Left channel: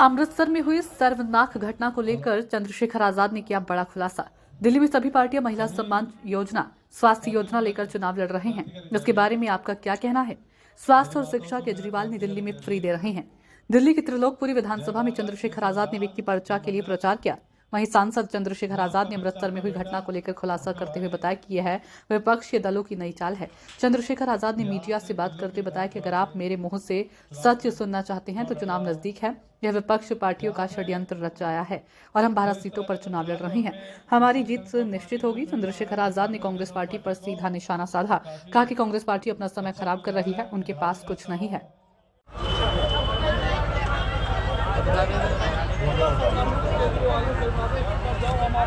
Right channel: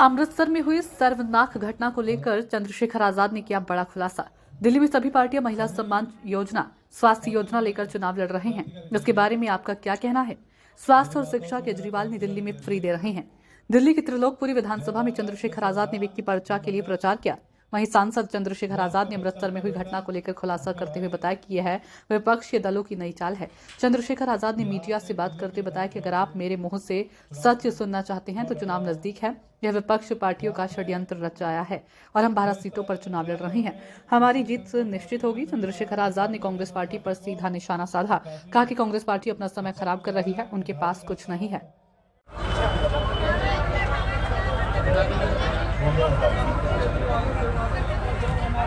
अमृतसर में हुई सर्वनाक घटना को लेकर चंद्रशेखर आजाद ने किया बड़ा खुलासा। दिल्ली में सभी पार्टियां महिला सम्मान योजना, स्वास्थ्य योजना लेकर चुनाव लड़ रहे हैं। इसके बारे में आपका क्या कहना है? स्वास्थ्य और शिक्षा केजरीवाल ने दिल्ली में फ्री दे रहे हैं। दिल्ली की त्रिलोकपुरी विधानसभा में चंद्रशेखर आजाद ने विक्की पर्चा के लिए प्रचार किया। वहीं सांसद चंद्रशेखर आजाद ने अमृतसर में हुई घटना को लेकर खुलासा करते हुए बताया कि यह विपक्षी दलों की नई चाल है। चंद्रशेखर आजाद ने मीडिया से बात करते हुए बताया कि अगर आप मेरे मुंह से सच सुनना चाहते हैं तो चुनाव नजदीक है। यह विपक्ष पार्टियों का षड्यंत्र रचाया है और हम 12 सीटों पर चुनाव लड़ रहे हैं। हमारी जीत निश्चित होगी। चंद्रशेखर आजाद ने कांग्रेस पार्टी पर सीधा निशाना साधा। कहा कि कांग्रेस पार्टी अपना समय खराब कर रही है, उनके पास कुछ नहीं है।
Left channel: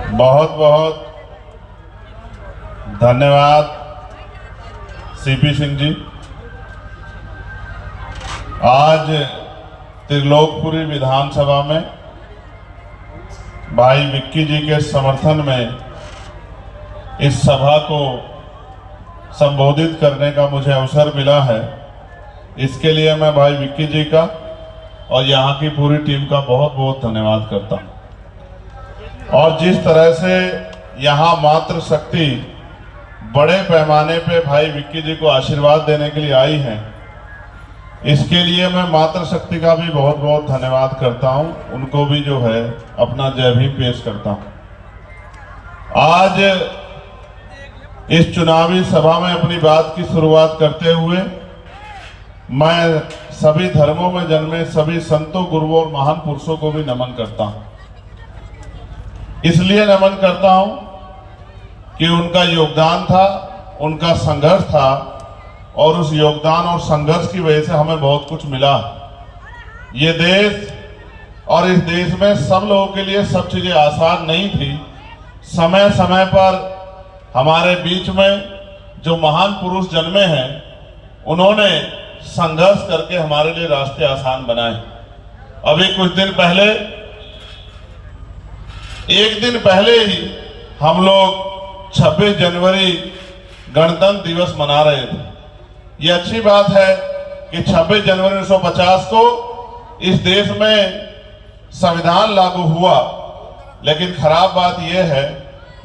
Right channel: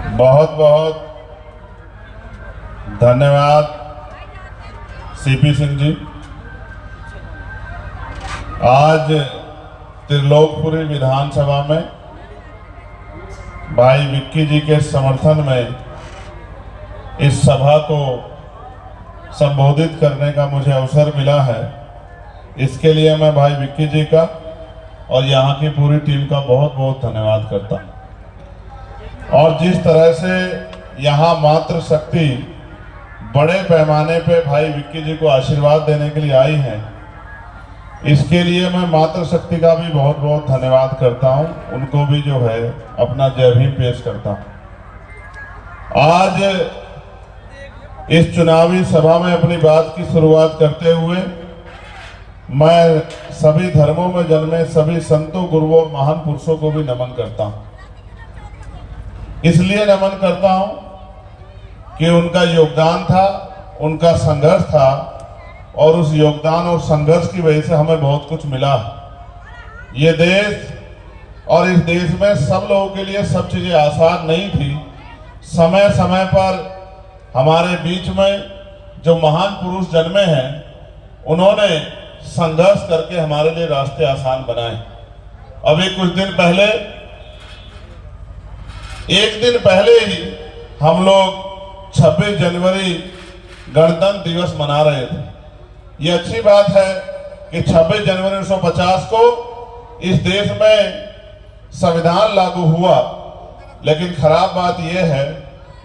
बहुत बहुत धन्यवाद सीपी सिंह जी। आज त्रिलोकपुरी विधानसभा में भाई विक्की जी के समर्थन में इस सभा को संबोधित करने का मुझे अवसर मिला है। इसके लिए मैं भाई विक्की जी का और यहाँ की पूरी टीम का बहुत बहुत धन्यवाद करता हूँ। और जिस तरह से यहाँ मातृ शक्ति बड़े पैमाने पे भाई विक्की जी को आशीर्वाद देने के लिए आई है, इसके लिए मैं मातृ शक्ति का भी बहुत बहुत धन्यवाद करता हूँ। उनको भी जो है अपना जय भीम पेश करता हूँ। आज इस चुनावी सभा में अपनी बात की शुरुआत करते हुए मैं सभी धर्मों में जन्मे सभी संतों, गुरुओं और महान पुरुषों को भी नमन करता हूँ। इसलिए नमन करता हूं कि उनका योगदान था, उनका संघर्ष था और उस योगदान और संघर्ष की वजह से हमें बहुत कुछ मिला। ये देश और इस देश में सब लोगों के लिए सब चीजें आसान नहीं थी। समय समय पर हमारे बीच में जो महान पुरुष जन्मे हैं, उन्होंने संघर्ष करके हमारे लिए रास्ते आसान बनाए। अभी कुछ दिन पहले, एक दिन पहले ही हम लोग 26 जनवरी गणतंत्र दिवस मना रहे थे। ये अच्छी बात है कि 26 जनवरी 1950 को इस देश में संविधान लागू हुआ, लेकिन खराब बात यह है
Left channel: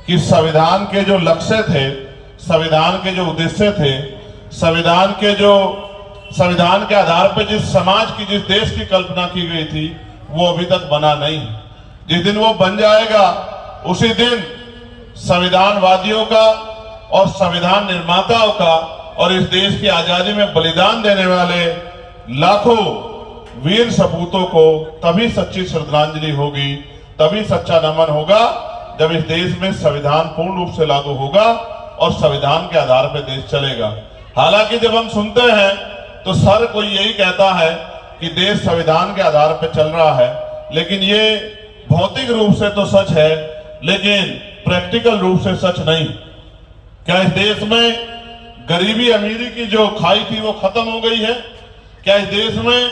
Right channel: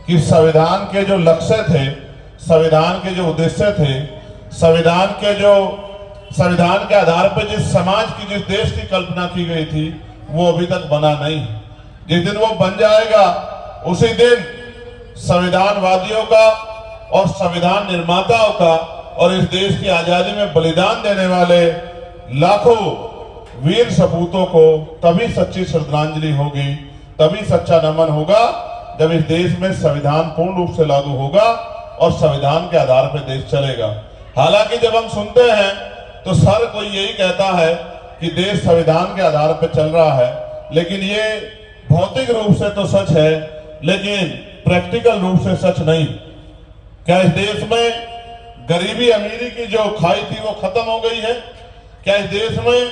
कि संविधान के जो लक्ष्य थे, संविधान के जो उद्देश्य थे, संविधान के आधार पर जिस समाज की, जिस देश की कल्पना की गई थी, वो अभी तक बना नहीं। जिस दिन वो बन जाएगा उसी दिन संविधानवादियों का और संविधान निर्माताओं का और इस देश की आजादी में बलिदान देने वाले लाखों वीर सपूतों को तभी सच्ची श्रद्धांजलि होगी, तभी सच्चा नमन होगा जब इस देश में संविधान पूर्ण रूप से लागू होगा और संविधान के आधार पर देश चलेगा। हालांकि जब हम सुनते हैं तो हर कोई यही कहता है कि देश संविधान के आधार पर चल रहा है, लेकिन ये भौतिक रूप से तो सच है, लेकिन प्रैक्टिकल रूप से सच नहीं। क्या इस देश में गरीबी अमीरी की जो खाई थी वो खत्म हो गई है? क्या इस देश में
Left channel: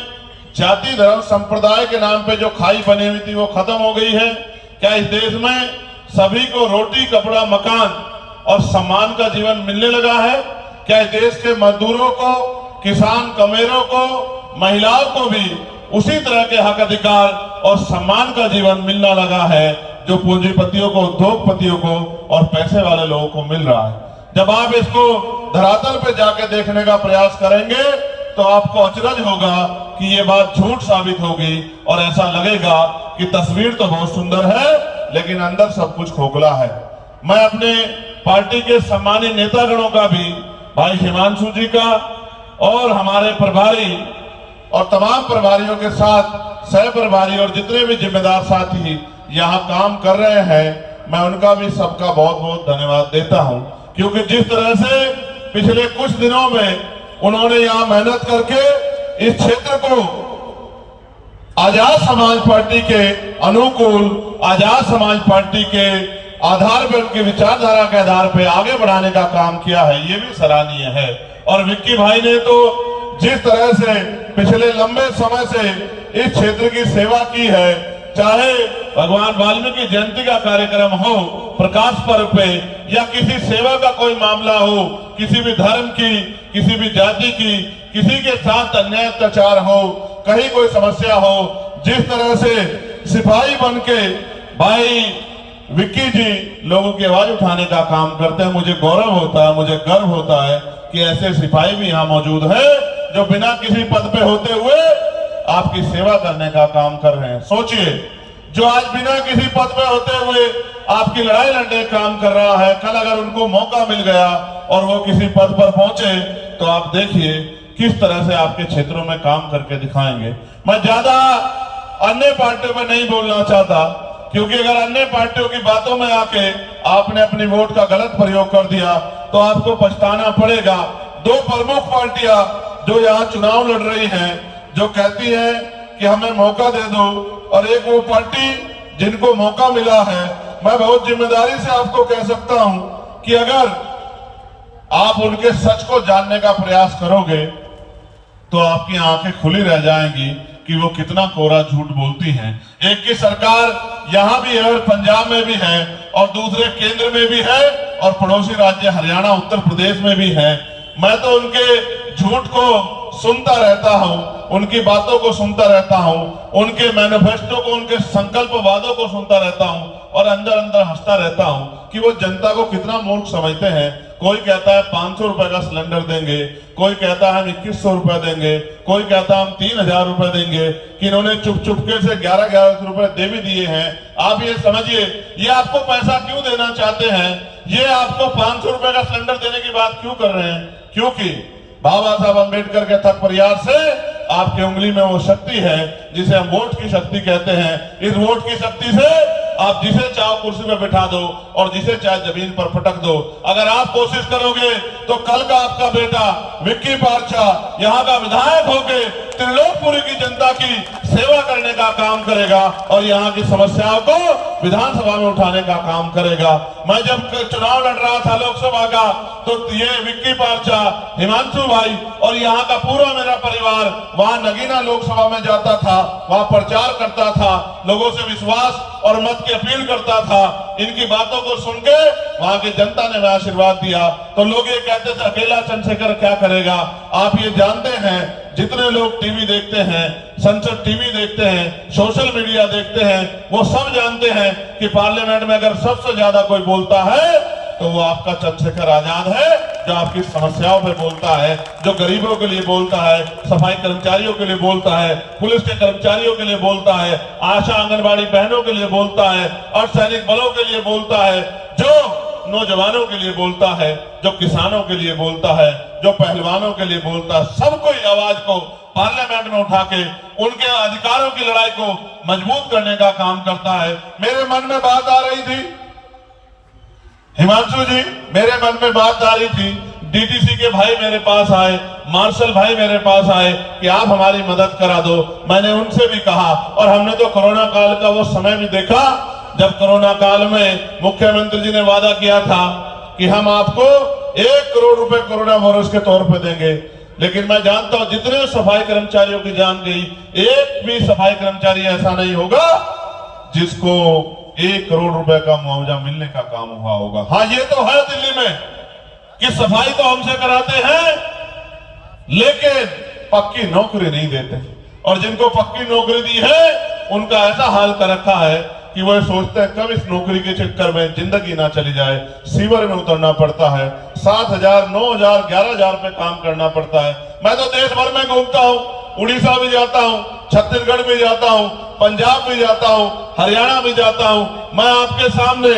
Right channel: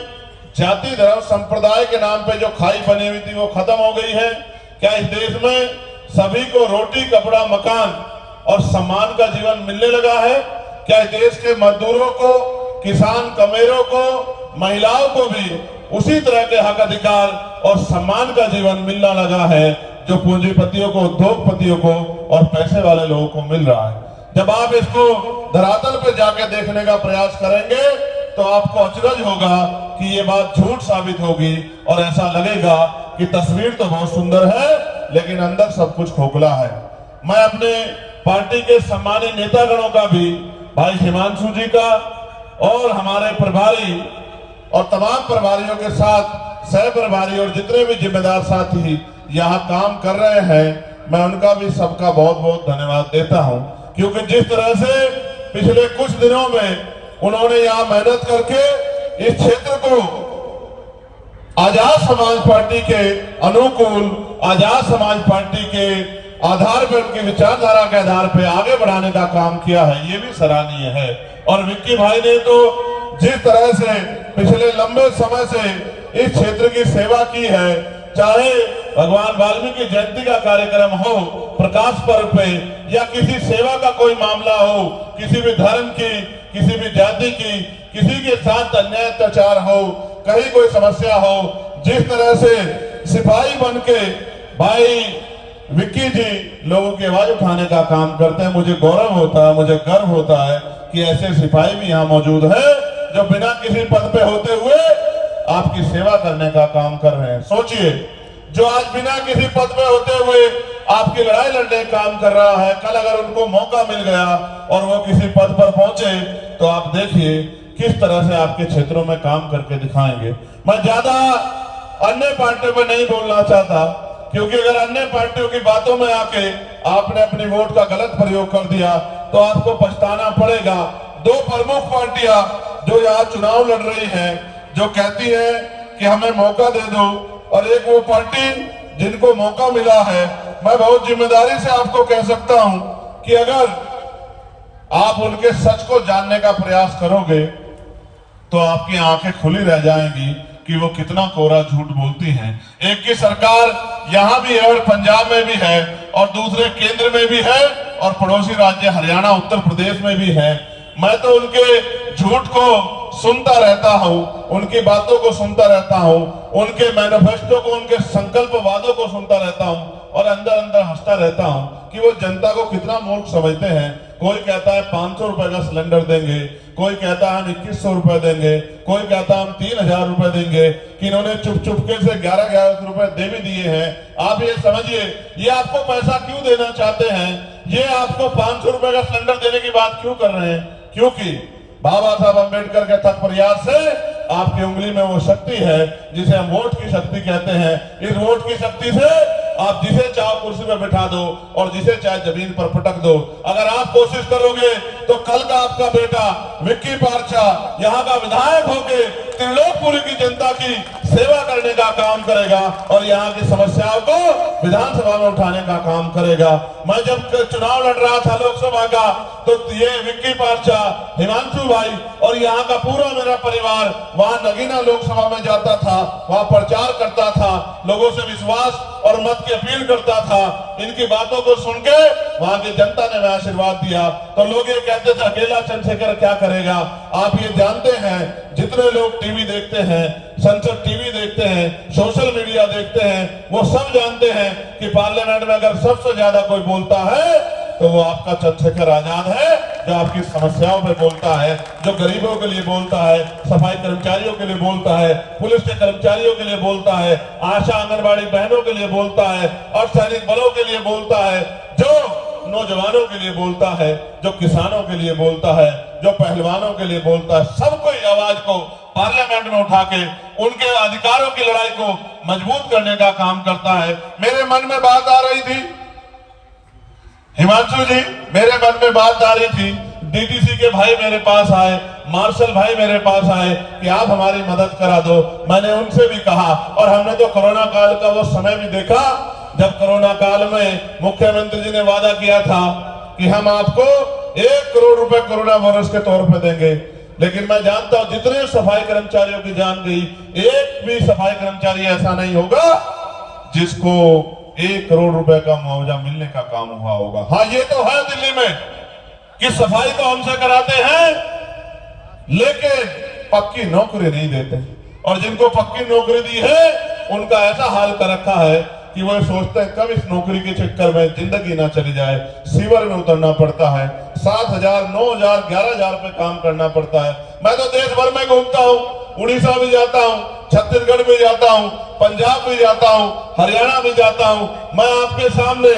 जाति धर्म संप्रदाय के नाम पे जो खाई बनी हुई थी वो खत्म हो गई है? क्या इस देश में सभी को रोटी, कपड़ा, मकान और सम्मान का जीवन मिलने लगा है? क्या इस देश के मजदूरों को, किसान, कमेरों को, महिलाओं को भी उसी तरह के हक, अधिकार और सम्मान का जीवन मिलना लगा है जो पूंजीपतियों को, उद्योगपतियों को और पैसे वाले लोगों को मिल रहा है? जब आप इसको धरातल पे जाके देखने का प्रयास करेंगे तो आपको अचरज होगा कि ये बात झूठ साबित होगी और ऐसा लगेगा कि तस्वीर तो बहुत सुंदर है लेकिन अंदर सब कुछ खोखला है। मैं अपने पार्टी के सम्मानित नेतागणों का भी, भाई हिमांशु जी का और हमारे प्रभारी और तमाम प्रभारियों के साथ सह प्रभारी और जितने भी जिम्मेदार साथी यहाँ काम कर रहे हैं, मैं उनका भी सबका बहुत बहुत धन्यवाद देता हूँ। क्योंकि जिस तरह से पिछले कुछ दिनों में उन्होंने यहाँ मेहनत करके इस क्षेत्र को आजाद समाज पार्टी के अनुकूल, आजाद समाज पार्टी के आधार पर, उनकी विचारधारा के आधार पर आगे बढ़ाने का काम किया है, ये भी सराहनीय है। और विक्की भाई ने तो जिस तरह से पिछले लंबे समय से इस क्षेत्र की सेवा की है, चाहे भगवान वाल्मीकि जयंती का कार्यक्रम हो, प्रकाश पर्व पे, या किसी सेवा का कोई मामला हो, किसी भी धर्म की, किसी भी जाति की, किसी के साथ अन्याय अत्याचार हो, कहीं कोई समस्या हो, जिस तरह से सिपाही बन के भाई विक्की जी लोगों की आवाज उठाने का काम करते हैं, मुझे गौरव होता है, मुझे गर्व होता है कि ऐसे सिपाही भी यहाँ मौजूद है जो बिना किसी पद पे होते हुए आपकी सेवा करने का काम कर रहे हैं। सोचिए, जो आज बिना किसी पद पे होते हुए आपकी लड़ाई लड़ने का काम कर रहा है, कल अगर उनको मौका मिल गया और वो किसी पद पर पहुंचे तो आप देखिए किस तरह से आपके क्षेत्रों में काम करके दिखाएंगे। मैं ज्यादा अन्य पार्टियों पे नहीं बोलना चाहता, क्योंकि अगर अन्य पार्टियों की बातों में आके आपने अपनी वोट का गलत प्रयोग कर दिया तो आपको पछताना पड़ेगा। दो प्रमुख पार्टियां जो यहाँ चुनाव लड़ रही हैं, जो कहती हैं कि हमें मौका दे दो, और एक वो पार्टी जिनको मौका मिला है, मैं बहुत जिम्मेदारी से आपको कह सकता हूं कि अगर आप उनके सच को जानने का प्रयास करोगे तो आपकी आंखें खुली रह जाएंगी कि वो कितना कोरा झूठ बोलती हैं। एक की सरकार यहाँ भी है और पंजाब में भी है, और दूसरे केंद्र में भी है, और पड़ोसी राज्य हरियाणा उत्तर प्रदेश में भी है। मैं तो उनके झूठ को सुनता रहता हूँ, उनकी बातों को सुनता रहता हूँ, उनके मैनिफेस्टो को, उनके संकल्प वादों को सुनता रहता हूँ, और अंदर अंदर हंसता रहता हूँ कि वो जनता को कितना मूर्ख समझते हैं। कोई कहता है 500 रुपए का सिलेंडर देंगे, कोई कहता है हम 2100 रुपए देंगे, कोई कहता है हम 3000 रुपए देंगे, कि इन्होंने चुप चुपके से 11 रुपए दे भी दिए हैं। आप ये समझिए, ये आपको पैसा क्यों देना चाहते हैं, ये आपको 500 रुपए का सिलेंडर देने की बात क्यों कर रहे हैं? क्योंकि बाबा साहब अम्बेडकर के थक प्रयास से आपकी उंगली में वो शक्ति है जिसे हम वोट की शक्ति कहते हैं। इस वोट की शक्ति से आप जिसे चाहो कुर्सी में बिठा दो और जिसे चाहे जमीन पर पटक दो। अगर आप कोशिश करोगे तो कल का आपका बेटा विक्की पारछा यहाँ का विधायक होके त्रिलोकपुरी की जनता की सेवा करने का काम करेगा और यहाँ की समस्याओं को विधानसभा में उठाने का काम करेगा। मैं जब चुनाव लड़ रहा था लोकसभा का, तो ये विक्की पारछा, हिमांशु भाई और यहाँ का पूरा मेरा परिवार वहां नगीना लोकसभा में जाता था, वहां प्रचार करता था, लोगों से विश्वास और मत की अपील करता था। इनकी बातों को सुन के वहां की जनता ने हमें आशीर्वाद दिया। तो लोग ये कहते थे अकेला चंद्रशेखर क्या करेगा। आप ये जानते हैं, जितने लोग टीवी देखते हैं, संसद टीवी देखते हैं, सोशल मीडिया देखते हैं, वो सब जानते हैं कि पार्लियामेंट में अगर सबसे ज्यादा कोई बोलता है तो वो आपका चंद्रशेखर आजाद है, जो आपकी समस्याओं पे बोलता है, जो गरीबों के लिए बोलता है, सफाई कर्मचारियों के लिए बोलता है, पुलिस के कर्मचारियों के लिए बोलता है, आशा आंगनबाड़ी बहनों के लिए बोलता है, अर्धसैनिक बलों के लिए बोलता है, जो नौजवानों के लिए बोलता है, जो किसानों के लिए बोलता है, जो पहलवानों के लिए बोलता है। सबको आवाज को पार्लियामेंट में उठा के उनके अधिकारों की लड़ाई को मजबूत करने का काम करता है। मेरे मन में बात आ रही थी हिमांशु जी, मेरे मन में बात आ रही थी, डीटीसी के भाई मेरे पास आए, मार्शल भाई मेरे पास आए कि आप हमारी मदद करा दो। मैंने उनसे भी कहा, और हमने तो कोरोना काल का वो समय भी देखा जब कोरोना काल में मुख्यमंत्री जी ने वादा किया था कि हम आपको 1 करोड़ रुपए कोरोना वायरस के तौर पर देंगे। लेकिन मैं जानता हूं जितने सफाई कर्मचारियों की जान गई, एक भी सफाई कर्मचारी ऐसा नहीं होगा जिसको 1 करोड़ रुपए का मुआवजा मिलने का काम हुआ होगा। हाँ, ये तो है दिल्ली में कि सफाई तो हमसे कराते हैं लेकिन पक्की नौकरी नहीं देते, और जिनको पक्की नौकरी दी है उनका ऐसा हाल कर रखा है कि वो सोचते हैं कब इस नौकरी के चक्कर में जिंदगी ना चली जाए। सीवर में उतरना पड़ता है, 7,000, 9,000, 11,000 पे काम करना पड़ता है। मैं तो देश भर में घूमता हूँ, उड़ीसा भी जाता हूँ, छत्तीसगढ़ भी जाता हूँ, पंजाब भी जाता हूँ, हरियाणा भी जाता हूँ। मैं आपके सामने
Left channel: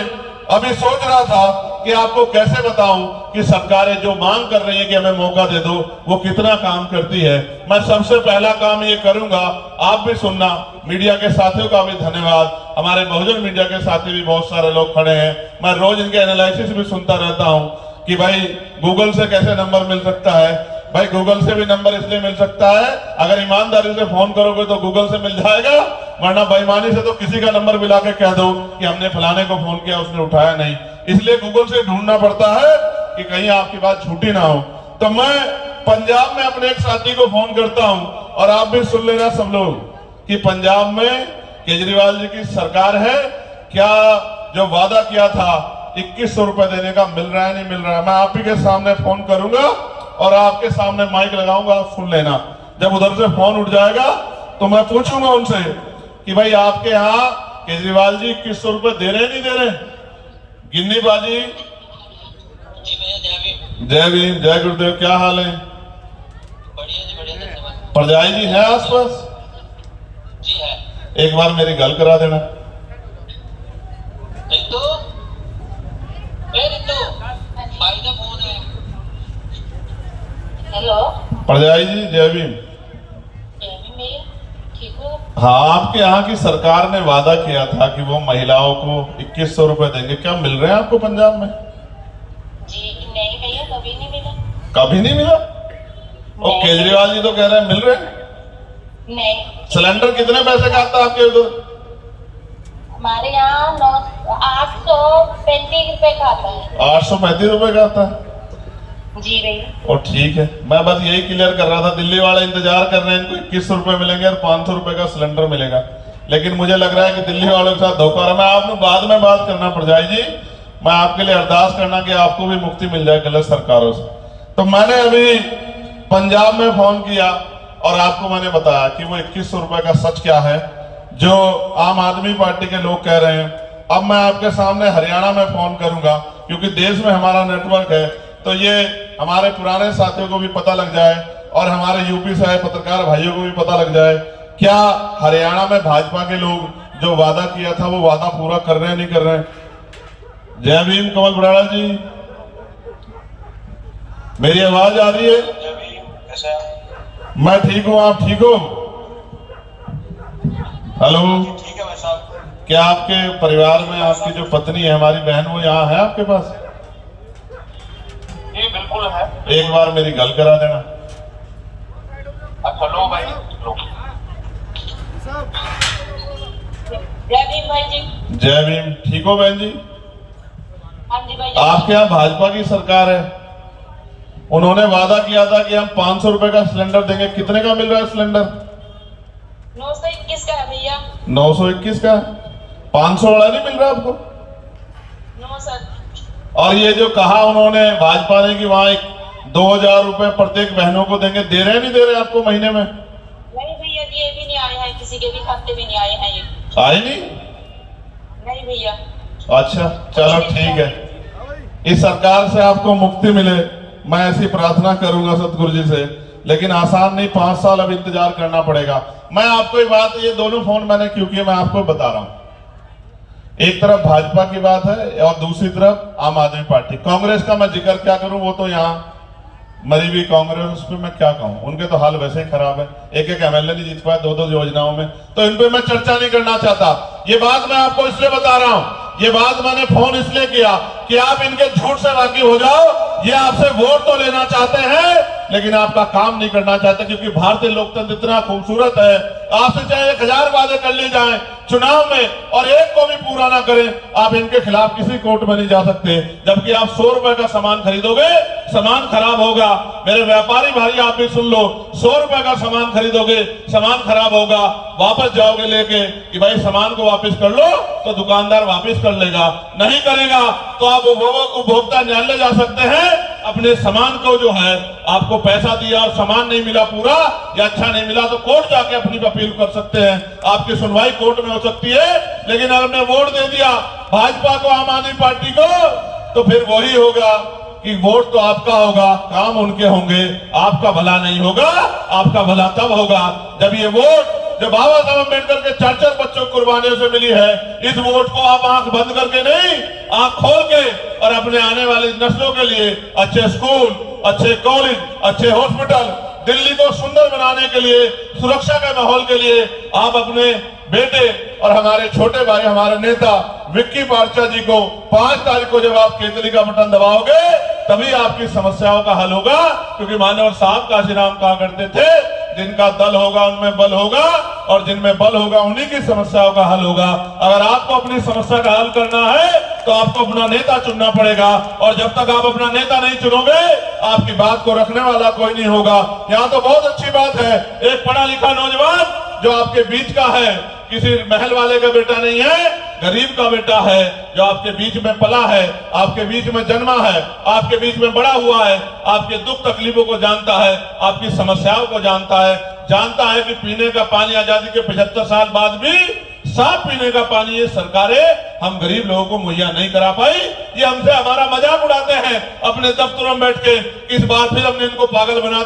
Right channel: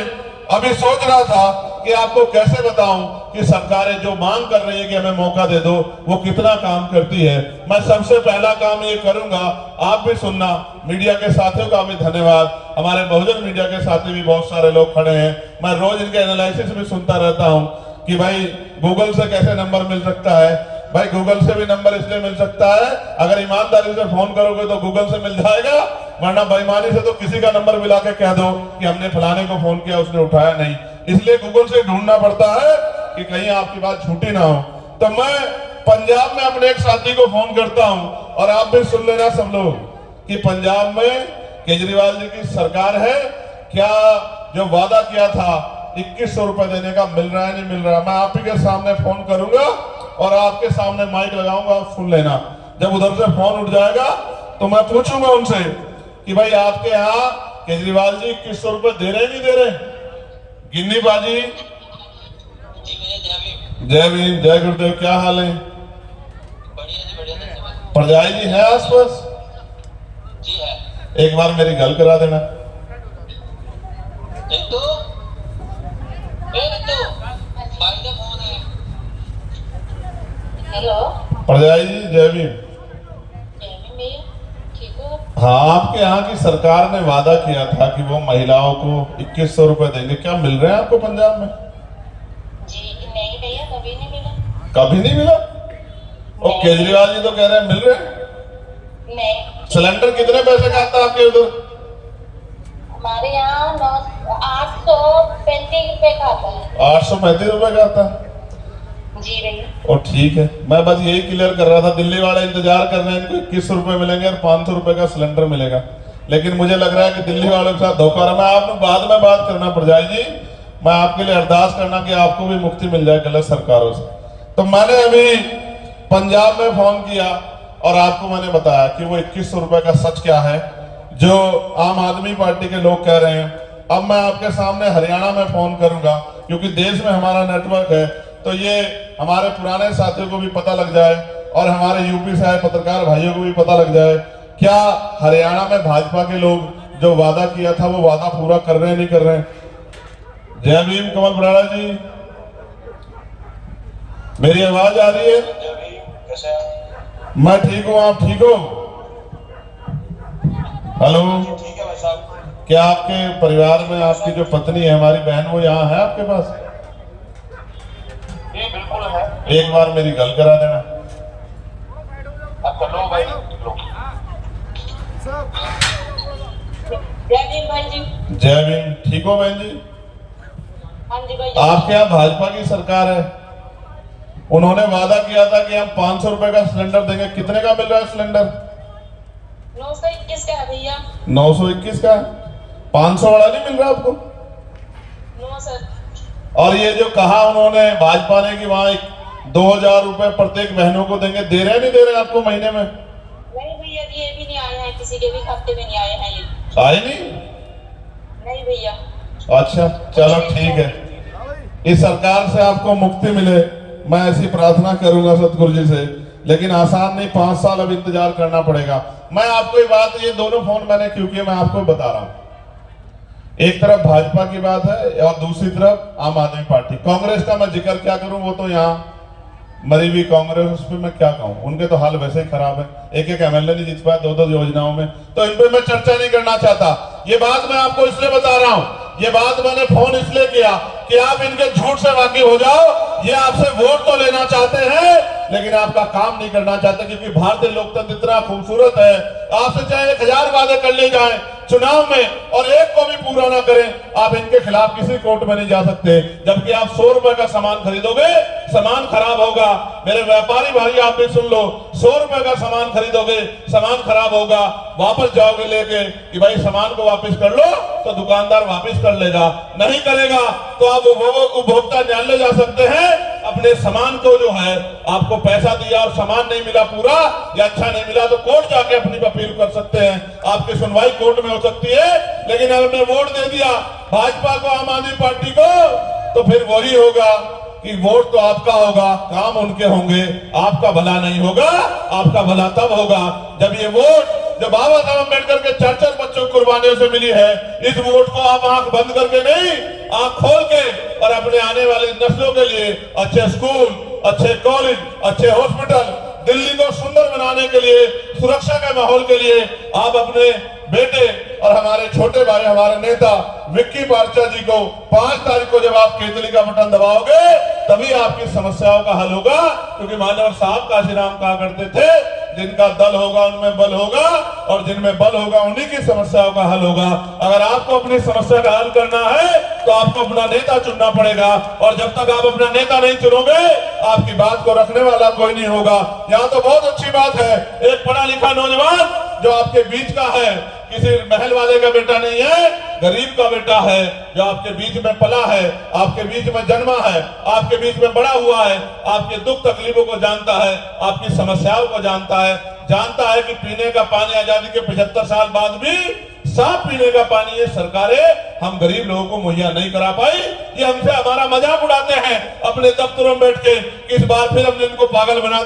अभी सोच रहा था कि आपको कैसे बताऊं कि सरकारें जो मांग कर रही है कि हमें मौका दे दो, वो कितना काम करती है। मैं सबसे पहला काम ये करूंगा, आप भी सुनना, मीडिया के साथियों का भी धन्यवाद, हमारे बहुजन मीडिया के साथी भी बहुत सारे लोग खड़े हैं। मैं रोज इनके एनालिसिस भी सुनता रहता हूं कि भाई गूगल से कैसे नंबर मिल सकता है। भाई गूगल से भी नंबर इसलिए मिल सकता है, अगर ईमानदारी से फोन करोगे तो गूगल से मिल जाएगा, वरना बेईमानी से तो किसी का नंबर मिला के कह दो कि हमने फलाने को फोन किया, उसने उठाया नहीं। इसलिए गूगल से ढूंढना पड़ता है कि कहीं आपकी बात झूठी ना हो। तो मैं पंजाब में अपने एक साथी को फोन करता हूं, और आप भी सुन लेना सब लोग, कि पंजाब में केजरीवाल जी की सरकार है, क्या जो वादा किया था 2100 रुपए देने का मिल रहा है नहीं मिल रहा है। मैं आप ही के सामने फोन करूंगा और आपके सामने माइक लगाऊंगा, आप सुन लेना। जब उधर से फोन उठ जाएगा तो मैं पूछूंगा उनसे कि भाई आपके यहाँ केजरीवाल जी 2100 रुपए दे रहे नहीं दे रहे? गिन्नी बाजी। जय भीम, जय गुरुदेव। क्या हाल है? परजाई जी है आसपास? जी है। एक बार मेरी गल करा देना। हेलो, परजाई जी जय भीम। ठीक हो? हाँ, आपके यहाँ की सरकार ने वादा किया था कि वो महिलाओं को 2100 रुपए देंगे। क्या मिल रहे हैं आपको पंजाब में? जी नहीं भैया, कभी नहीं मिला। कभी नहीं मिला? और केजरीवाल जी तो कह रहे हैं मिल रहे हैं। नहीं, सिलेंडर कितने पैसे का आता है आपके इधर? हमारे यहाँ 835 रुपए का आता है। 835 रुपए का आता है। जी भैया। और ठीक है, मैं बस यही क्लियर कर रहा था। दिल्ली वाले इंतजार कर रहे हैं, इनको 2100 रुपए मिलेंगे और 500 रुपए का सिलेंडर मिलेगा। लेकिन मुझे लग रहा है कि दिल्ली वालों के साथ धोखा रहा। मैं आपको बाद में बात करना पड़ जाए जी। मैं आपके लिए अरदास करना कि आपको भी मुक्ति मिल जाए गलत सरकारों से। तो मैंने अभी पंजाब में फोन किया और आपको मैंने बताया कि वो 2100 रुपए का सच क्या है जो आम आदमी पार्टी के लोग कह रहे हैं। अब मैं आपके सामने हरियाणा में फोन करूंगा, क्योंकि देश में हमारा नेटवर्क है, तो ये हमारे पुराने साथियों को भी पता लग जाए और हमारे यूपी से आए पत्रकार भाइयों को भी पता लग जाए क्या हरियाणा में भाजपा के लोग जो वादा किया था वो वादा पूरा कर रहे हैं नहीं कर रहे हैं। जय भीम कमल बराड़ा जी, मेरी आवाज आ रही है? मैं ठीक हूँ, आप ठीक हो? हेलो, ठीक है भाई साहब। क्या आपके परिवार में आपकी जो पत्नी है, हमारी बहन, वो यहाँ है आपके पास? ये बिल्कुल है। एक बार मेरी गल करा देना। अच्छा लो भाई लो। जय भीम भाई जी। जय भीम, ठीक हो बहन जी? हाँ जी भाई। आपके यहाँ भाजपा की सरकार है, उन्होंने वादा किया था कि हम 500 रुपए का सिलेंडर देंगे। कितने का मिल रहा है सिलेंडर? 921 का है भैया। 921 का। 500 वाला नहीं मिल रहा आपको? No sir. और ये जो कहा उन्होंने भाजपा ने कि वहां 2000 रुपए प्रत्येक बहनों को देंगे, दे रहे हैं नहीं दे रहे हैं आपको महीने में? नहीं भैया, ये भी नहीं आया है, किसी के भी खाते में नहीं आए हैं ये। आए नहीं? नहीं भैया। अच्छा चलो ठीक है, इस सरकार से आपको मुक्ति मिले, मैं ऐसी प्रार्थना करूंगा सतगुरु जी से। लेकिन आसान नहीं, 5 साल अब इंतजार करना पड़ेगा। मैं आपको ये बात, ये दोनों फोन मैंने क्यों किए मैं आपको बता रहा हूं। एक तरफ भाजपा की बात है और दूसरी तरफ आम आदमी पार्टी। कांग्रेस का मैं जिक्र क्या करूं, वो तो यहाँ मरी हुई कांग्रेस, उस पर मैं क्या कहूं, उनके तो हाल वैसे ही खराब है। एक एक एमएलए नहीं जीत पाए 2-2 योजनाओं में, तो इन पे मैं चर्चा नहीं करना चाहता। ये बात मैं आपको इसलिए बता रहा हूं, ये बात मैंने फोन इसलिए किया कि आप इनके झूठ से वाकिफ हो जाओ। ये आपसे वोट तो लेना चाहते हैं लेकिन आपका काम नहीं करना चाहते, क्योंकि भारतीय लोकतंत्र इतना खूबसूरत है। आपसे चाहे 1000 वादे कर ले जाए चुनाव में और एक को भी पूरा ना करें, आप इनके खिलाफ किसी कोर्ट में नहीं जा सकते। जबकि आप 100 रुपए का सामान खरीदोगे, सामान खराब होगा। मेरे व्यापारी भाई आप भी सुन लो, 100 रुपए का सामान खरीदोगे, सामान खराब होगा, वापस जाओगे लेके कि भाई सामान को वापस कर लो, तो दुकानदार वापस कर लेगा। नहीं करेगा तो आप उपभोक्ता न्यायालय जा सकते हैं। अपने सामान को जो है आपको पैसा दिया और सामान नहीं मिला पूरा या अच्छा नहीं मिला, तो कोर्ट जाके अपनी अपील कर सकते हैं। आपकी सुनवाई कोर्ट में हो सकती है। लेकिन अगर हमने वोट दे दिया भाजपा को, आम आदमी पार्टी को, तो फिर वही होगा कि वोट तो आपका होगा, काम उनके होंगे, आपका भला नहीं होगा। आपका भला तब होगा जब ये वोट जो बाबा साहब अम्बेडकर के 4-4 बच्चों को कुर्बानियों से मिली है, इस वोट को आप आंख बंद करके नहीं, आंख खोल के और अपने आने वाले नस्लों के लिए अच्छे स्कूल, अच्छे कॉलेज, अच्छे हॉस्पिटल, दिल्ली को सुंदर बनाने के लिए, सुरक्षा के माहौल के लिए आप अपने बेटे और हमारे छोटे भाई, हमारे नेता विक्की पार्चा जी को 5 तारीख को जब आप केतली का बटन दबाओगे, तभी आपकी समस्याओं का हल होगा। क्योंकि मानव साहब काशीराम कहा करते थे, जिनका दल होगा उनमें बल होगा और जिनमें बल होगा उन्हीं की समस्याओं का हल होगा। अगर आपको अपनी समस्या का हल करना है तो आपको अपना नेता चुनना पड़ेगा, और जब तक आप अपना नेता नहीं चुनोगे आपकी बात को रखने वाला कोई नहीं होगा। यहाँ तो बहुत अच्छी बात है, एक पढ़ा लिखा नौजवान जो आपके बीच का है, किसी महल वाले का बेटा नहीं है, गरीब का बेटा है, जो आपके बीच में पला है, आपके बीच में जन्मा है, आपके बीच में बड़ा हुआ है, आपके दुख तकलीफों को जानता है, आपकी समस्याओं को जानता है कि पीने का पानी आजादी के 75 साल बाद भी साफ पीने का पानी ये सरकारें हम गरीब लोगों को मुहैया नहीं करा पाई। ये हमसे हमारा मजाक उड़ाते हैं अपने दफ्तरों में बैठ के। इस बार फिर हमने इनको पागल बना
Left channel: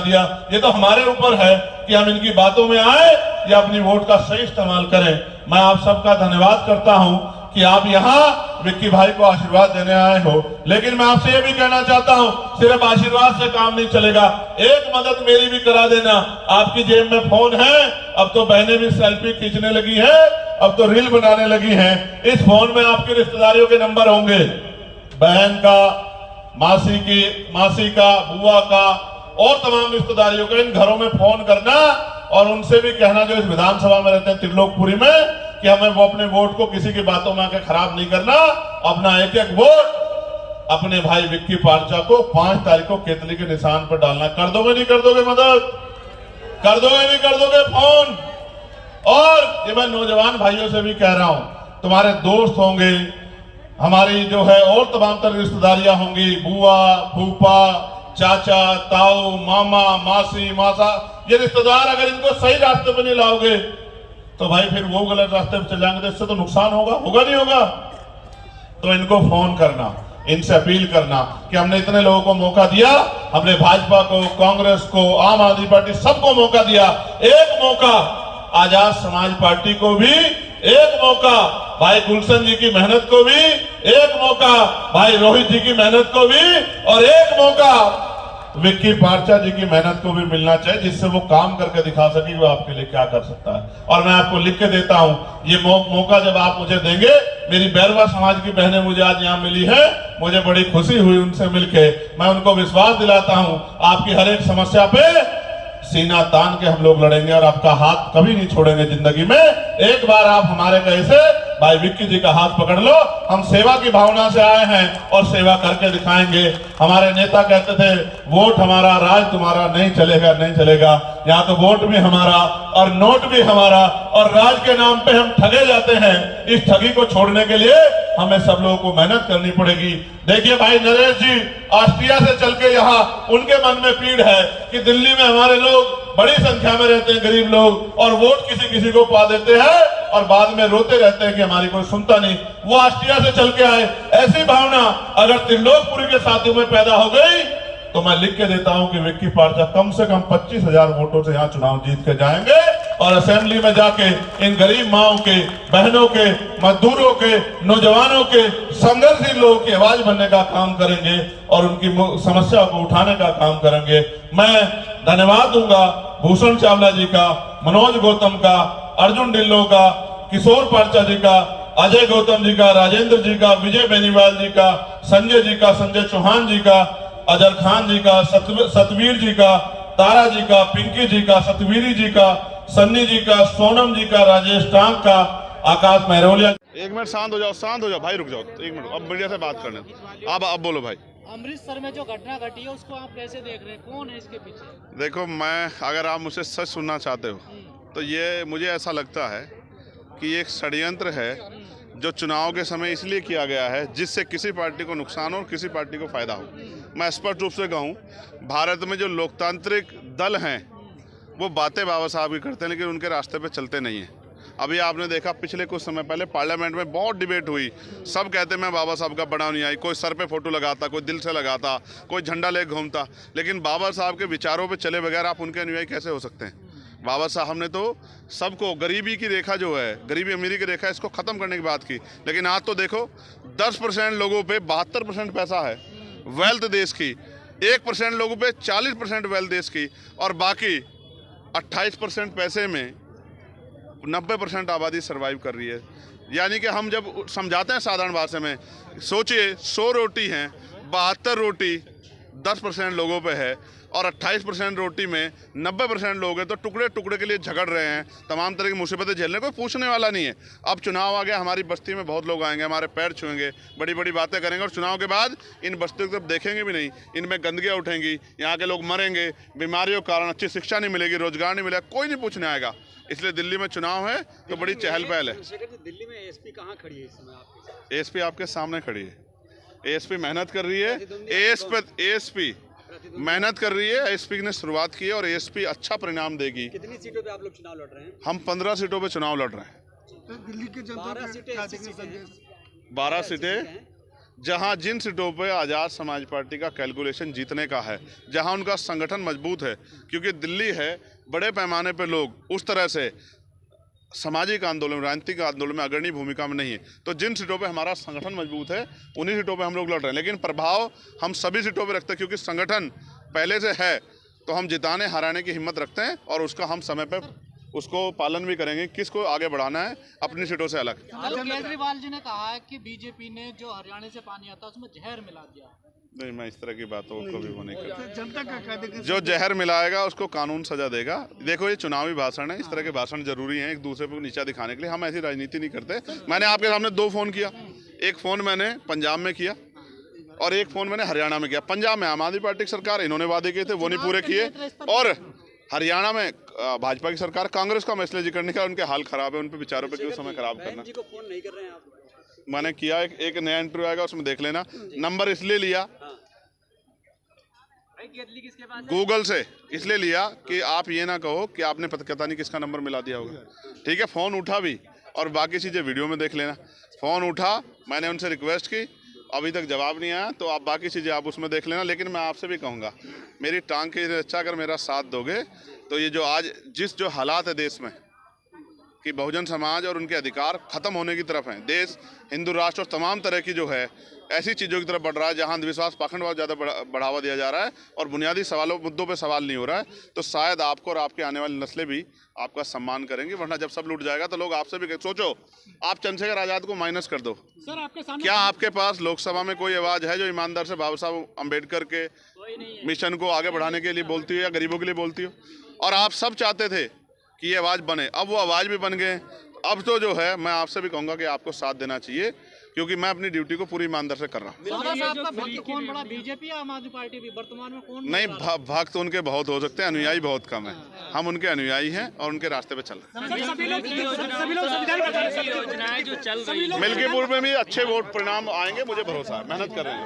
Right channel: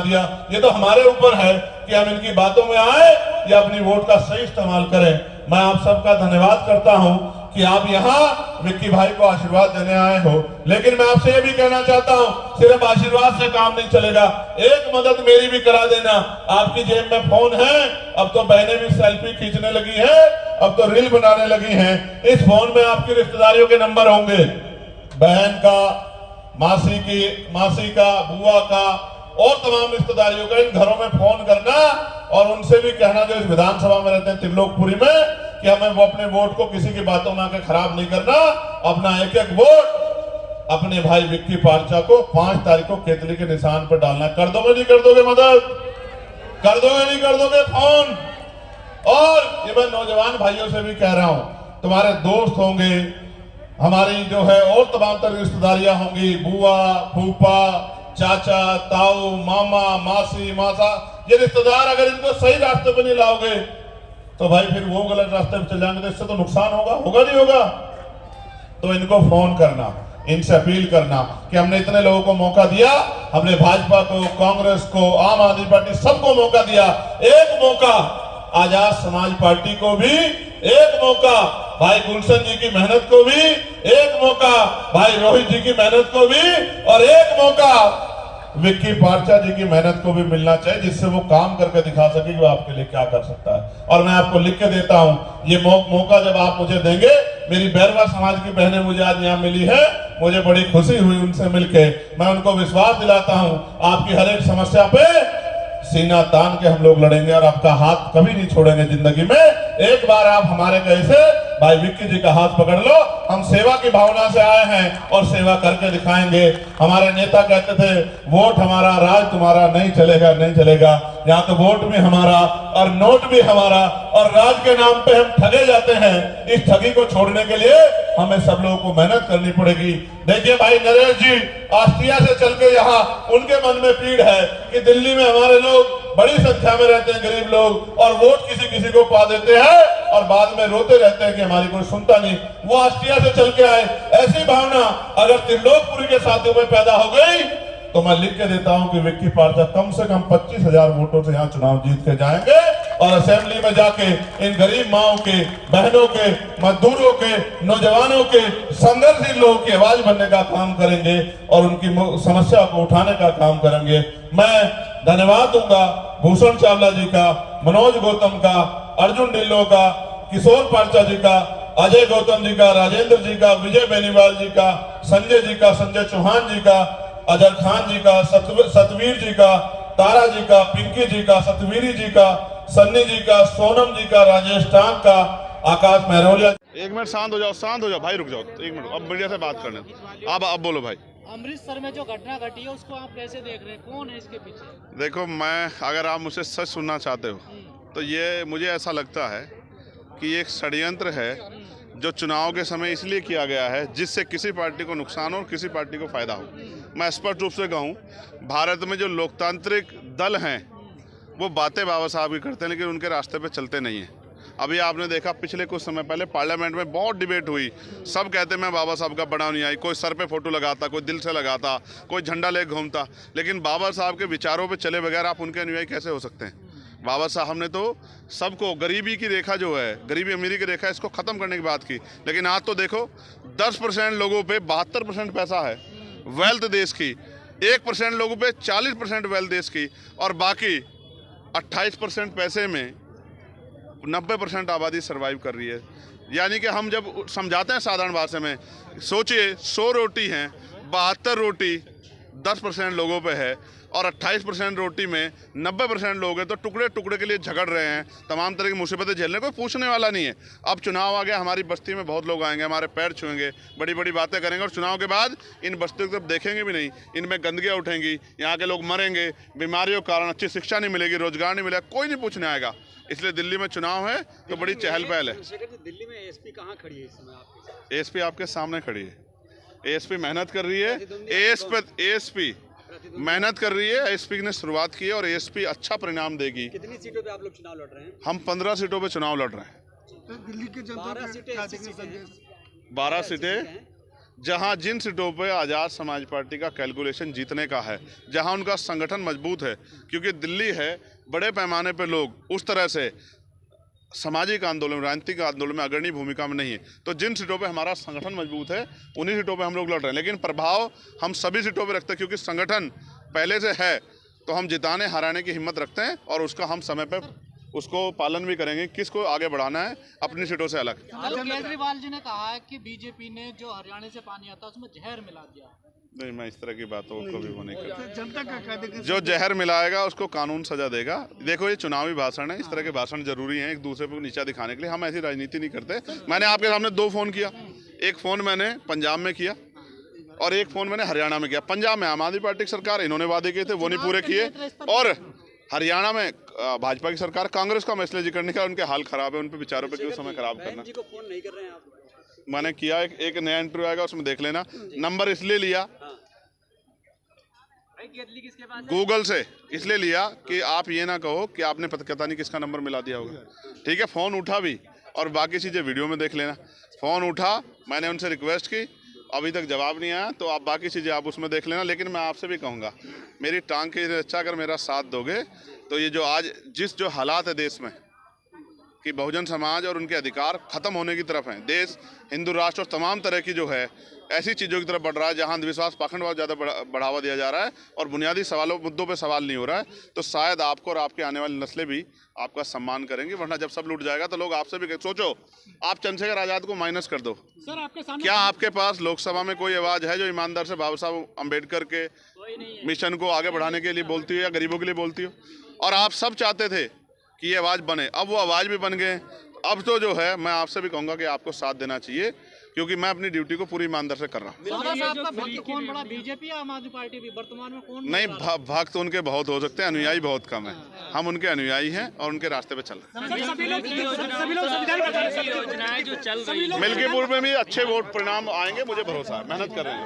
दिया, ये तो हमारे ऊपर है कि हम इनकी बातों में आए या अपनी वोट का सही इस्तेमाल करें। मैं आप सबका धन्यवाद करता हूं कि आप यहाँ विक्की भाई को आशीर्वाद देने आए हो, लेकिन मैं आपसे ये भी कहना चाहता हूँ, सिर्फ आशीर्वाद से काम नहीं चलेगा, एक मदद मेरी भी करा देना। आपकी जेब में फोन है, अब तो बहनें भी सेल्फी खींचने लगी है, अब तो रील बनाने लगी है। इस फोन में आपकी रिश्तेदारियों के नंबर होंगे, बहन का, मासी का, बुआ का और तमाम रिश्तेदारियों का। इन घरों में फोन करना और उनसे भी कहना जो इस विधानसभा में रहते हैं त्रिलोकपुरी में, कि हमें वो अपने वोट को किसी की बातों में आकर खराब नहीं करना, अपना एक एक वोट अपने भाई विक्की पारचा को 5 तारीख को केतली के निशान पर डालना। कर दोगे नहीं कर दोगे मदद? कर दोगे नहीं कर दोगे फोन? और ये मैं नौजवान भाइयों से भी कह रहा हूं, तुम्हारे दोस्त होंगे, हमारी जो है और तमाम तरह रिश्तेदारियां होंगी, बुआ, फूफा, चाचा, ताऊ, मामा, मासी, मासा, ये रिश्तेदार अगर इनको सही रास्ते पे नहीं लाओगे तो भाई फिर वो गलत रास्ते पे चल जाएंगे, तो इससे तो नुकसान होगा नहीं होगा? तो इनको फोन करना, इनसे अपील करना कि हमने इतने लोगों को मौका दिया, हमने भाजपा को, कांग्रेस को, आम आदमी पार्टी सबको मौका दिया, एक मौका आजाद समाज पार्टी को भी, एक मौका भाई गुलशन जी की मेहनत को भी, एक मौका भाई रोहित जी की मेहनत को भी, और एक मौका विक्की पारचा जी की मेहनत को भी मिलना चाहिए, जिससे वो काम करके दिखा सके कि वो आपके लिए क्या कर सकता है। और मैं आपको लिख के देता हूं, ये मौका जब आप मुझे देंगे, मेरी बैरवा समाज की बहनें मुझे आज यहाँ मिली है, मुझे बड़ी खुशी हुई उनसे मिलके। मैं उनको विश्वास दिलाता हूं, आपकी हर एक समस्या पे सीना तान के हम लोग लड़ेंगे और आपका हाथ कभी नहीं छोड़ेंगे जिंदगी में। एक बार आप हमारे कैसे भाई विक्की जी का हाथ पकड़ लो, हम सेवा की भावना से आए हैं और सेवा करके दिखाएंगे। हमारे नेता कहते थे वोट हमारा, राज तुम्हारा, नहीं चलेगा। यहाँ तो वोट भी हमारा और नोट भी हमारा और राज के नाम पे हम ठगे जाते हैं। इस ठगी को छोड़ने के लिए हमें सब लोगों को मेहनत करनी पड़ेगी। देखिए भाई नरेश जी ऑस्ट्रिया से चल के यहाँ, उनके मन में पीड़ है कि दिल्ली में हमारे लोग बड़ी संख्या में रहते हैं, गरीब लोग, और वोट किसी को पा देते हैं और बाद में रोते रहते हैं कि हमारी कोई सुनता नहीं। वो ऑस्ट्रिया से चल के आए, ऐसी भावना अगर त्रिलोकपुरी के साथियों में पैदा हो गई तो मैं लिख के देता हूं कि विक्की पारचा कम से कम 25,000 वोटों से यहाँ चुनाव जीत के जाएंगे और असेंबली में जाके इन गरीब माओं के, बहनों के, मजदूरों के, नौजवानों के, संघर्षशील लोगों की आवाज बनने का काम करेंगे और उनकी समस्या को उठाने का काम करेंगे। मैं धन्यवाद दूंगा भूषण चावला जी का, मनोज गौतम का, अर्जुन ढिल्लो का, किशोर पारचा जी का, अजय गौतम जी का, राजेंद्र जी का, विजय बेनीवाल जी का, संजय जी का, संजय चौहान जी का, अजर खान जी का, सतवीर जी का, तारा जी का, पिंकी जी का, सतवीरी जी का, सन्नी जी का, सोनम जी का, राजेश टांग का, आकाश महरोलिया। एक मिनट शांत हो जाओ भाई, रुक जाओ एक मिनट, अब मीडिया से बात करने। अब बोलो भाई। अमृतसर में जो घटना घटी है उसको आप कैसे देख रहे हैं, कौन है इसके पीछे? देखो, मैं अगर आप मुझसे सच सुनना चाहते हो तो ये मुझे ऐसा लगता है कि एक षड्यंत्र है जो चुनाव के समय इसलिए किया गया है जिससे किसी पार्टी को नुकसान हो और किसी पार्टी को फायदा हो। मैं स्पष्ट रूप से कहूँ, भारत में जो लोकतांत्रिक दल हैं वो बातें बाबा साहब की करते हैं लेकिन उनके रास्ते पे चलते नहीं हैं। अभी आपने देखा पिछले कुछ समय पहले पार्लियामेंट में बहुत डिबेट हुई, सब कहते मैं बाबा साहब का बड़ा नहीं आई, कोई सर पे फोटो लगाता, कोई दिल से लगाता, कोई झंडा ले घूमता, लेकिन बाबा साहब के विचारों पे चले बगैर आप उनके अनुयायी कैसे हो सकते हैं? बाबा साहब ने तो सबको, गरीबी की रेखा जो है, गरीबी अमीरी की रेखा, इसको ख़त्म करने की बात की, लेकिन आज तो देखो 10% लोगों पे 72% पैसा है वेल्थ देश की, 1% लोगों पे 40% वेल्थ देश की, और बाकी 28% पैसे में 90% आबादी सर्वाइव कर रही है। यानी कि हम जब समझाते हैं साधारण भाषा में, सोचिए 100 रोटी हैं, 72 रोटी 10% लोगों पे है, और 28% रोटी में 90% लोग हैं, तो टुकड़े टुकड़े के लिए झगड़ रहे हैं, तमाम तरह की मुसीबतें झेलने कोई पूछने वाला नहीं है। अब चुनाव आ गया, हमारी बस्ती में बहुत लोग आएंगे, हमारे पैर छुएंगे, बड़ी बड़ी बातें करेंगे और चुनाव के बाद इन बस्तियों की तरफ देखेंगे भी नहीं, इनमें गंदगियाँ उठेंगी, यहाँ के लोग मरेंगे, बीमारियों के कारण अच्छी शिक्षा नहीं मिलेगी, रोजगार नहीं मिलेगा, कोई नहीं पूछने आएगा। इसलिए दिल्ली में चुनाव है तो बड़ी चहल पहल है। दिल्ली में एएसपी कहाँ खड़ी है इस समय आपके? एएसपी आपके सामने खड़ी है। एएसपी मेहनत कर रही है, एएसपी मेहनत कर रही है, एएसपी ने शुरुआत की है और एएसपी अच्छा परिणाम देगी। कितनी सीटों पे आप लोग चुनाव लड़ रहे हैं? हम 15 सीटों पे चुनाव लड़ रहे हैं। तो दिल्ली के 12 सीटें 12 सीटें, जहां जिन सीटों पे आज़ाद समाज पार्टी का कैलकुलेशन जीतने का है, जहां उनका संगठन मजबूत है, क्योंकि दिल्ली है बड़े पैमाने पे लोग उस तरह से सामाजिक आंदोलन, राजनीतिक आंदोलन में अग्रणी भूमिका में नहीं है, तो जिन सीटों पे हमारा संगठन मजबूत है उन्हीं सीटों पे हम लोग लड़ रहे हैं। लेकिन प्रभाव हम सभी सीटों पे रखते हैं, क्योंकि संगठन पहले से है, तो हम जिताने हराने की हिम्मत रखते हैं और उसका हम समय पे उसको पालन भी करेंगे। किसको आगे बढ़ाना है अपनी सीटों से अलग। केजरीवाल जी ने कहा है कि बीजेपी ने जो हरियाणा से पानी आता है उसमें जहर मिला दिया। नहीं, मैं इस तरह की बातों को भी वो नहीं करता। जनता का जो जहर मिलाएगा उसको कानून सजा देगा। देखो, ये चुनावी भाषण है, इस तरह के भाषण जरूरी हैं एक दूसरे को नीचा दिखाने के लिए। हम ऐसी राजनीति नहीं करते। मैंने आपके सामने 2 फोन किया, एक फोन मैंने पंजाब में किया और एक फोन मैंने हरियाणा में किया। पंजाब में आम आदमी पार्टी की सरकार, इन्होंने वादे किए थे वो नहीं पूरे किए, और हरियाणा में भाजपा की सरकार, कांग्रेस का मैसेज करने का, उनके हाल खराब है, उन पे विचारों पे क्यों समय खराब करना। जी को फोन नहीं कर रहे हैं आप? मैंने किया, एक नया इंटरव्यू आएगा उसमें देख लेना। नंबर इसलिए लिया गूगल से, इसलिए लिया कि आप ये ना कहो कि आपने पता नहीं किसका नंबर मिला दिया होगा। ठीक है, फ़ोन उठा भी और बाकी चीज़ें वीडियो में देख लेना। फ़ोन उठा, मैंने उनसे रिक्वेस्ट की, अभी तक जवाब नहीं आया, तो आप बाकी चीज़ें आप उसमें देख लेना। लेकिन मैं आपसे भी कहूँगा, मेरी टांग की रक्षा अगर मेरा साथ दोगे तो ये जो आज जो हालात है देश में कि बहुजन समाज और उनके अधिकार खत्म होने की तरफ हैं, देश हिंदू राष्ट्र और तमाम तरह की जो है ऐसी चीज़ों की तरफ बढ़ रहा है जहां अंधविश्वास, पाखंडवाद ज़्यादा बढ़ावा दिया जा रहा है और बुनियादी सवालों मुद्दों पे सवाल नहीं हो रहा है, तो शायद आपको और आपके आने वाली नस्लें भी आपका सम्मान करेंगी। वरना जब सब लूट जाएगा तो लोग आपसे भी सोचो, आप चंद्रशेखर आज़ाद को माइनस कर दो। सर, आपके सामने क्या आपके पास लोकसभा में कोई आवाज़ है जो ईमानदार से बाबा साहब अम्बेडकर के मिशन को आगे बढ़ाने के लिए बोलती हो या गरीबों के लिए बोलती हो? और आप सब चाहते थे कि ये आवाज़ बने, अब वो आवाज़ भी बन गए। अब तो जो है मैं आपसे भी कहूँगा कि आपको साथ देना चाहिए, क्योंकि मैं अपनी ड्यूटी को पूरी ईमानदार से कर रहा हूँ। कौन बड़ा, बीजेपी या आम आदमी पार्टी भी वर्तमान में कौन? नहीं, भक्त उनके बहुत हो सकते हैं, अनुयायी बहुत कम है। हम उनके अनुयायी हैं और उनके रास्ते पे चल रहे हैं। मिल्कीपुर में भी अच्छे वोट परिणाम आएंगे, मुझे भरोसा है, मेहनत कर रहे हैं।